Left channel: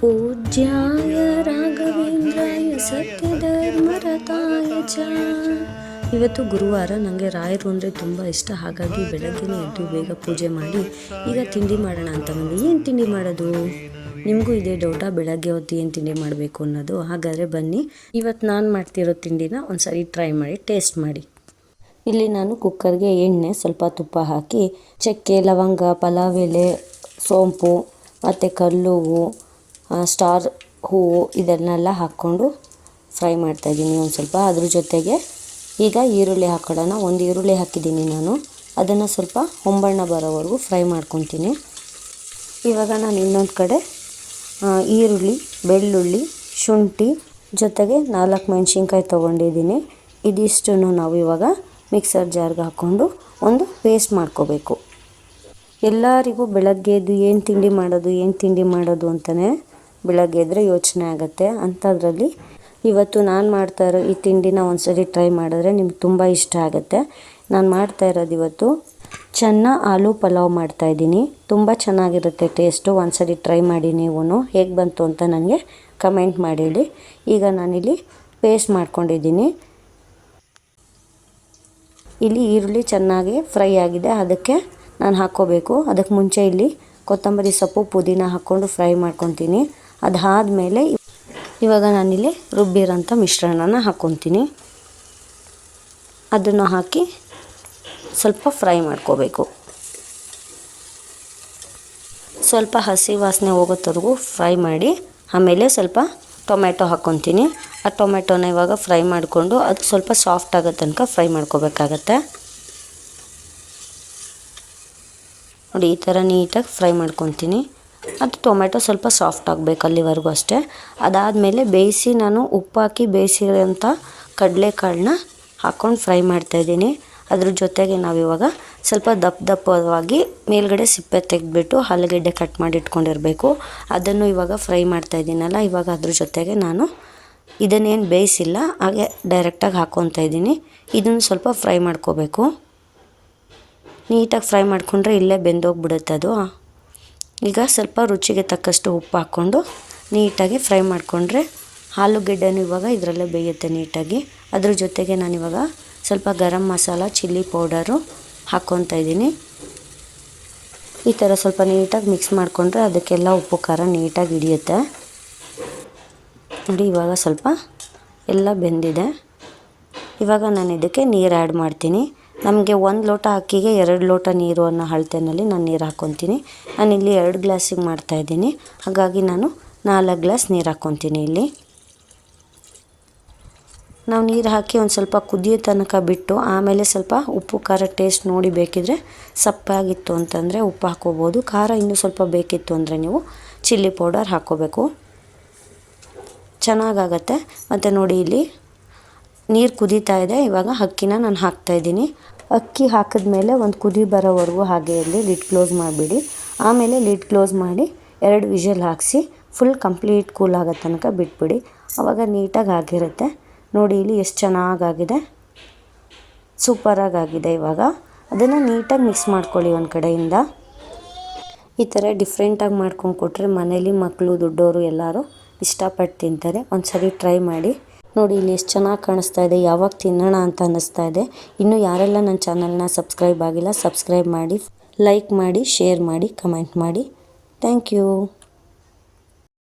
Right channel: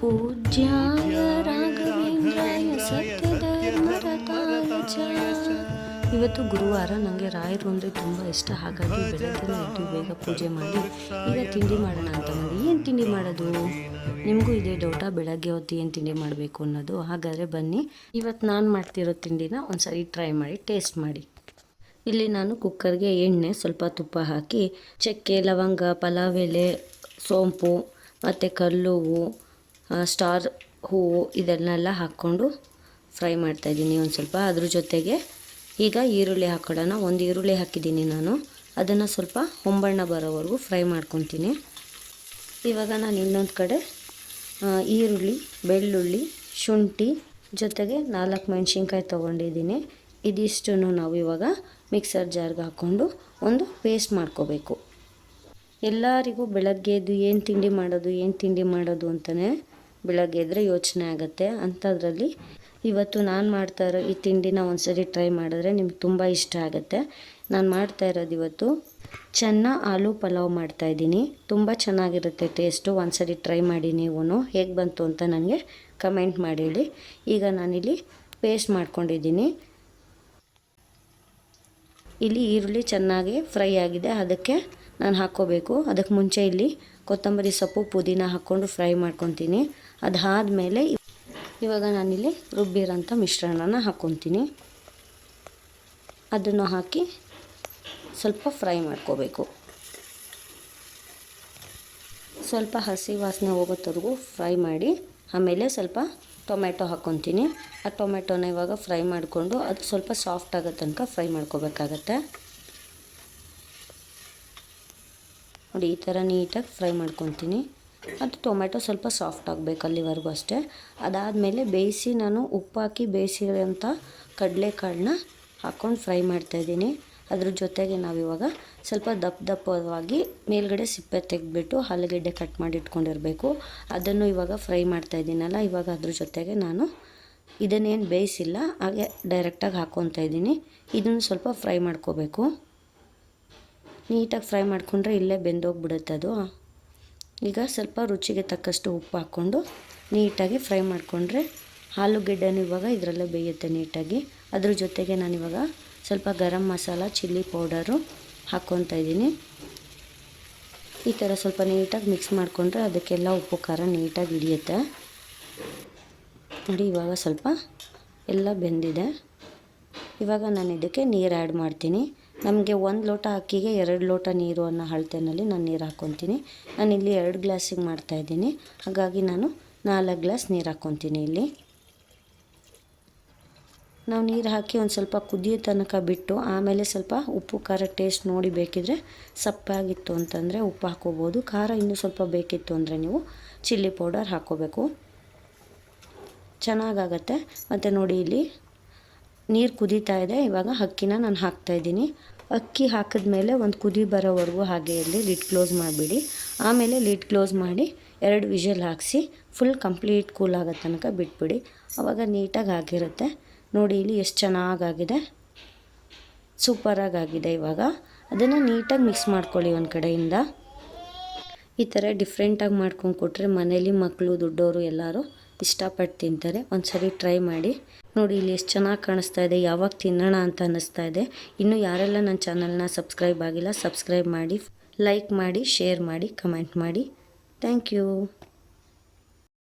पूज्याय राघवेन्द्राय सत्यधर्मरताय च। ಇವತ್ತು ಗುರುವಾರ. ನನಗೆ ರಾಯರು ಅಂದರೆ ತುಂಬ ಇಷ್ಟ. ಹಾಗಾಗಿ ಬೆಳಗ್ಗೆ ಎದ್ದು ಬೇಗ ಪೂಜೆ ಮಾಡಿ ಈಗ ತಿಂಡಿ ಮಾಡೋಣ ಅಂತ ಬಂದು. ಏನು ತಿಂಡಿ ಮಾಡೋದು? ನಿಮಗೂ ಇದೆ ಡೌಟ, ಬೆಳಗ್ಗೆ ಹೊತ್ತು ಏನು ತಿಂಡಿ ಮಾಡಬೇಕು ಅನ್ನೋದು. ಹಾಗಾದರೆ ಬನ್ನಿ, ಇವತ್ತು ನಾನು ಮಾಡ್ತಿರೋ ತಿಂಡಿನ ಒಂದ್ಸರಿ ಟ್ರೈ ಮಾಡಿ, ಟೇಸ್ಟ್ ಮಾಡಿ. ಇಲ್ಲಿ ನಾನು ಕುಕ್ಕರ್ಗೆ ಎಣ್ಣೆ, ಸ್ವಲ್ಪ ತುಪ್ಪ ಹಾಕಿ ಚಕ್ಕೆ, ಲವಂಗ, ಪಲಾವ್ ಎಲೆ, ಸೋಂಪು ಮತ್ತು ಕಲ್ಲುವು, ಸ್ಟಾರ್ ಹೂವು ಇದನ್ನೆಲ್ಲ ಹಾಕ್ಕೊಂಡು ಫ್ರೈ ಮಾಡ್ತಾಯಿದ್ದೀನಿ ಒಂದು ಸ್ವಲ್ಪ. ಅದ್ರ ಜೊತೆಗೆ ಈಗ ಈರುಳ್ಳಿ ಹಾಕೊಳ್ಳೋಣ. ಒಂದು ಈರುಳ್ಳಿ ಹಾಕಿದ್ದೀನಿ ನಾನು. ಅದನ್ನು ಸ್ವಲ್ಪ ಹೊಂಬಣ್ಣ ಬರೋವರೆಗೂ ಫ್ರೈ ಮಾಡ್ಕೊತೀನಿ. ಇವಾಗ ನಾನು ಇನ್ನೊಂದು ಕಡೆ ಈರುಳ್ಳಿ, ಬೆಳ್ಳುಳ್ಳಿ, ಶುಂಠಿ ಜೊತೆಗೆ 4 ಮೆಣಸಿನ್ಕಾಯಿ ತೊಗೊಂಡಿದ್ದೀನಿ. ಇದಿಷ್ಟನ್ನು ನಾವು ಇವಾಗ ಮಿಕ್ಸರ್ ಜಾರ್ಗೆ ಹಾಕ್ಕೊಂಡು ಒಂದು ಪೇಸ್ಟ್ ಮಾಡ್ಕೋಬೇಕು. ಎಲ್ಲರಿಗೂ ಬೆಳಗ್ಗೆ ಎದ್ದು ಏನು ತಿಂಡಿ ಮಾಡೋದು ಅಂತಲೇ ಬೆಳಗ್ಗೆ ಎದ್ದರೆ ಯೋಚನೆ ಆಗುತ್ತೆ. ಅಂಥದ್ರಲ್ಲಿ ಇವತ್ತು ನಾನು ಮಾಡ್ತಾ ಇರೋ ಈ ತಿಂಡಿನ ಒಂದ್ಸರಿ ಟ್ರೈ ಮಾಡಿದ್ರೆ ನಿಮ್ಗೆ ತುಂಬ ಇಷ್ಟ ಆಗುತ್ತೆ. ನಾನು ಮಾಡ್ತಾ ಇರೋದು ಇವತ್ತು ಚೆನ್ನ ಆಲೂ ಪಲಾವ್ ಮಾಡ್ತಾಯಿದ್ದೀನಿ. ತುಂಬ ಚೆನ್ನಾಗಿರುತ್ತೆ ಟೇಸ್ಟು. ಒಂದ್ಸರಿ ಟ್ರೈ ಮಾಡಿ ನೀವು. ಹೇಗೆ ಬಂತು ಅಂತ ನನಗೆ ಕಮೆಂಟ್ ಮಾಡಿ ಹೇಳಿ. ಈಗ ನಾನಿಲ್ಲಿ ಪೇಸ್ಟ್ ಮಾಡ್ಕೊಂಡಿದ್ದೀನಿ. ಇಲ್ಲಿ ಈರುಳ್ಳಿ ಚೆನ್ನಾಗಿ ಫ್ರೈ ಆಗಿದೆ, ಅದಕ್ಕೆ ನಾನು ಹಾಕ್ಕೋಬೇಕು. ಅದಕ್ಕೆ ಮುಂಚೆ ಇಲ್ಲಿ ಕೊತ್ತಂಬರಿ ಸೊಪ್ಪು, ಪುದೀನ ಹಾಕ್ಕೊಂಡು ಫ್ರೈ ಮಾಡ್ಕೊತೀನಿ. ಅದಾದಮೇಲೆ ಇವಾಗ ನಾನಿಲ್ಲಿ ರುಬ್ಬಿರೋಂಥ ಮಿಶ್ರಣನ ಹಾಕ್ಕೊತೀನಿ. ಅದನ್ನು ಹಾಕಿ ಸ್ವಲ್ಪ ಫ್ರೈ ಮಾಡ್ಕೋಬೇಕು. ಸ್ವಲ್ಪ ಹಸಿ ವಾಸನೆ ಹೋಗೋತ್ತವರೆಗೂ ಫ್ರೈ ಮಾಡಿ ಆಮೇಲೆ ಸ್ವಲ್ಪ ಟೊಮೆಟೊ ಹಾಕ್ಕೊತೀನಿ. ಆ ಟೊಮೆಟೊನ ಇವಾಗ ಫ್ರೈ ಮಾಡಿಕೊಂಡು ಅದು ಸ್ವಲ್ಪ ಸಾಫ್ಟ್ ಆಗೋ ತನಕ ಫ್ರೈ ಮಾಡ್ಕೋಬೇಕಾಗತ್ತೆ. ನೋಡಿ, ಈ ಥರ ನೀಟಾಗಿ ಫ್ರೈ ಮಾಡ್ಕೊತೀನಿ. ಅದು ಟೊಮೆಟೊ ಸ್ವಲ್ಪ ಸಾಫ್ಟ್ ಆಗಬೇಕು ಅಲ್ಲಿವರೆಗೂ ಅಷ್ಟೇ. ಅದಾದಮೇಲೆ ಬೇಯಿಸಿ ನಾನು ಉಪ್ಪು ಹಾಕಿ ಬೇಯಿಸಿರೋಂಥ ಕಡಲೆಕಾಳನ್ನ ಹಾಕ್ಕೊಂಡು ಫ್ರೈ ಮಾಡ್ತಾಯಿದ್ದೀನಿ. ಅದ್ರ ಜೊತೆಗೆ ನಾವಿವಾಗ ಸ್ವಲ್ಪ ದಪ್ಪವಾಗಿ ಮೇಲ್ಗಡೆ ಸಿಪ್ಪೆ ತೆಗೆದ್ಬಿಟ್ಟು ಆಲೂಗೆಡ್ಡೆ ಕಟ್ ಮಾಡಿ ಇಟ್ಕೊಂಡಿರಬೇಕು. ಅದನ್ನು ಇವಾಗ ಫ್ರೈ ಮಾಡ್ತಾಯಿದ್ದೀನಲ್ಲ, ಇವಾಗ ಅದ್ರ ಜೊತೆಗೆ ನಾನು ಇದನ್ನೇನು ಬೇಯಿಸಿಲ್ಲ, ಹಾಗೆ ಡೈರೆಕ್ಟಾಗಿ ಹಾಕ್ಕೊತಾ ಇದ್ದೀನಿ. ಇದನ್ನು ಸ್ವಲ್ಪ ಫ್ರೈ ಮಾಡ್ಕೋಬೇಕು. ನೀಟಾಗಿ ಫ್ರೈ ಮಾಡಿಕೊಂಡ್ರೆ ಇಲ್ಲೇ ಬೆಂದೋಗ್ಬಿಡುತ್ತೆ ಅದು. ಈಗ ಸ್ವಲ್ಪ ರುಚಿಗೆ ತಕ್ಕಷ್ಟು ಉಪ್ಪು ಹಾಕ್ಕೊಂಡು ನೀಟಾಗಿ ಫ್ರೈ ಮಾಡಿಕೊಂಡ್ರೆ ಆಲೂಗೆಡ್ಡೆನೂ ಇವಾಗ ಇದರಲ್ಲೇ ಬೇಯುತ್ತೆ ನೀಟಾಗಿ. ಅದ್ರ ಜೊತೆಗೆ ನಾನಿವಾಗ ಸ್ವಲ್ಪ ಗರಂ ಮಸಾಲ, ಚಿಲ್ಲಿ ಪೌಡರು ಹಾಕ್ಕೊತಾ ಇದ್ದೀನಿ. ಈ ಥರ ಸ್ವಲ್ಪ ನೀಟಾಗಿ ಮಿಕ್ಸ್ ಮಾಡಿಕೊಂಡ್ರೆ ಅದಕ್ಕೆಲ್ಲ ಉಪ್ಪು ಖಾರ ನೀಟಾಗಿ ಹಿಡಿಯುತ್ತೆ. ನೋಡಿ, ಇವಾಗ ಸ್ವಲ್ಪ ಎಲ್ಲ ಬೆಂದಿದೆ. ಇವಾಗ ನಾನು ಇದಕ್ಕೆ ನೀರು ಆ್ಯಡ್ ಮಾಡ್ತೀನಿ. ನಮಗೆ 1 ಲೋಟ ಅಕ್ಕಿಗೆ 2 ಲೋಟ ನೀರು ಅನ್ನೋ ಅಳತೆಯಲ್ಲಿ ನಾನು ನೀರು ಹಾಕ್ಕೊತೀನಿ. ನಾನಿಲ್ಲಿ 2 ಗ್ಲಾಸಿಗೆ ಮಾಡ್ತಾಯಿದ್ದೀನಿ, ಹಾಗಾಗಿ ನಾನು 4 ಗ್ಲಾಸ್ ನೀರು ಹಾಕ್ಕೊತೀನಿ. ಇಲ್ಲಿ ನಾವು ನೀರು ಹಾಕಿ ಒಂದು ಸ್ವಲ್ಪ ಕುದಿಯೋ ತನಕ ಬಿಟ್ಟು ಆಮೇಲೆ ಸ್ವಲ್ಪ ಉಪ್ಪು ಖಾರ ಟೇಸ್ಟ್ ನೋಡಿ, ಬೇಕಿದ್ರೆ ಸಪ್ಪಾಗಿತ್ತು ಅಂತಂದರೆ ಉಪ್ಪು ಹಾಕ್ಕೋಬೋದು. ಖಾರ ಇನ್ನೂ ಸ್ವಲ್ಪ ಬೇಕಿತ್ತು ಅಂದರೆ ನೀವು ಚಿಲ್ಲಿ ಪೌಡರ್ ಹಾಕ್ಕೋಬೇಕು, ಚೆನ್ನಾಗಾಗತ್ತೆ. ಮತ್ತು ನೋಡಿ, ಇಲ್ಲಿ ನೀರು ಕುದೀತಾ ಇದೆ. ಇವಾಗ ಅಕ್ಕಿನ ನಾನು ಹಾಕ್ತಾಯಿದ್ದೀನಿ. ಅಕ್ಕಿ ಹಾಕಿದ್ಮೇಲೆ ಒಂದು ಕುದಿ ಬರೋವರೆಗೂ ಹಾಗೆ ಇರಲಿ, ಲಿಡ್ ಕ್ಲೋಸ್ ಮಾಡಿಬಿಡಿ. ಆಮೇಲೆ ಲಿಡ್ ಕ್ಲೋಸ್ ಮಾಡಿ 2 ವಿಷಲ್ ಹಾಕಿಸಿ ಫುಲ್ ಕಂಪ್ಲೀಟ್ ಕೂಲ್ ಆಗೋ ತನಕ ಬಿಟ್ಬಿಡಿ. ಆವಾಗ ನೀಟಾಗಿ ಆಗಿರುತ್ತೆ. ನೋಡಿ, ಇಲ್ಲಿ ಎಷ್ಟು ಚೆನ್ನಾಗಾಗಿದೆ, ಸೂಪರಾಗಿದೆ. ಇವಾಗ ಅದನ್ನು ನೀಟಾಗಿ ಮಿಕ್ಸ್ ಮಾಡ್ಕೊಳ್ಳಿ ಒಂದು ಕಡೆಯಿಂದ. ಈ ಥರ ಡಿಫ್ರೆಂಟಾಗಿ ಮಾಡ್ಕೊಂಡು ಕೊಟ್ಟರೆ ಮನೇಲಿ ಮಕ್ಕಳು, ದೊಡ್ಡವರು ಎಲ್ಲರೂ ಇಷ್ಟಪಟ್ಟು ತಿಂತಾರೆ. ಒಂದು ಸರಿ ಟ್ರೈ ಮಾಡಿ ನೋಡಿ. ಇಲ್ಲಿ ಎಷ್ಟು ಚೆನ್ನಾಗಿ ಕಾಣಿಸ್ತಾ ಇದೆ, ಯಾವಾಗ ತಿನ್ನೋಣ ಅಂತ ಅನ್ನಿಸ್ತಾ ಇದೆ. ಇನ್ನೂ ಯಾರೆಲ್ಲ ನನ್ನ ಚಾನಲ್ನ ಸಬ್ಸ್ಕ್ರೈಬ್ ಆಗಿಲ್ಲ, ಸಬ್ಸ್ಕ್ರೈಬ್ ಮಾಡಿ, ಲೈಕ್ ಮಾಡಿ, ಶೇರ್ ಮಾಡಿ, ಕಮೆಂಟ್ ಮಾಡಿ. Thank you.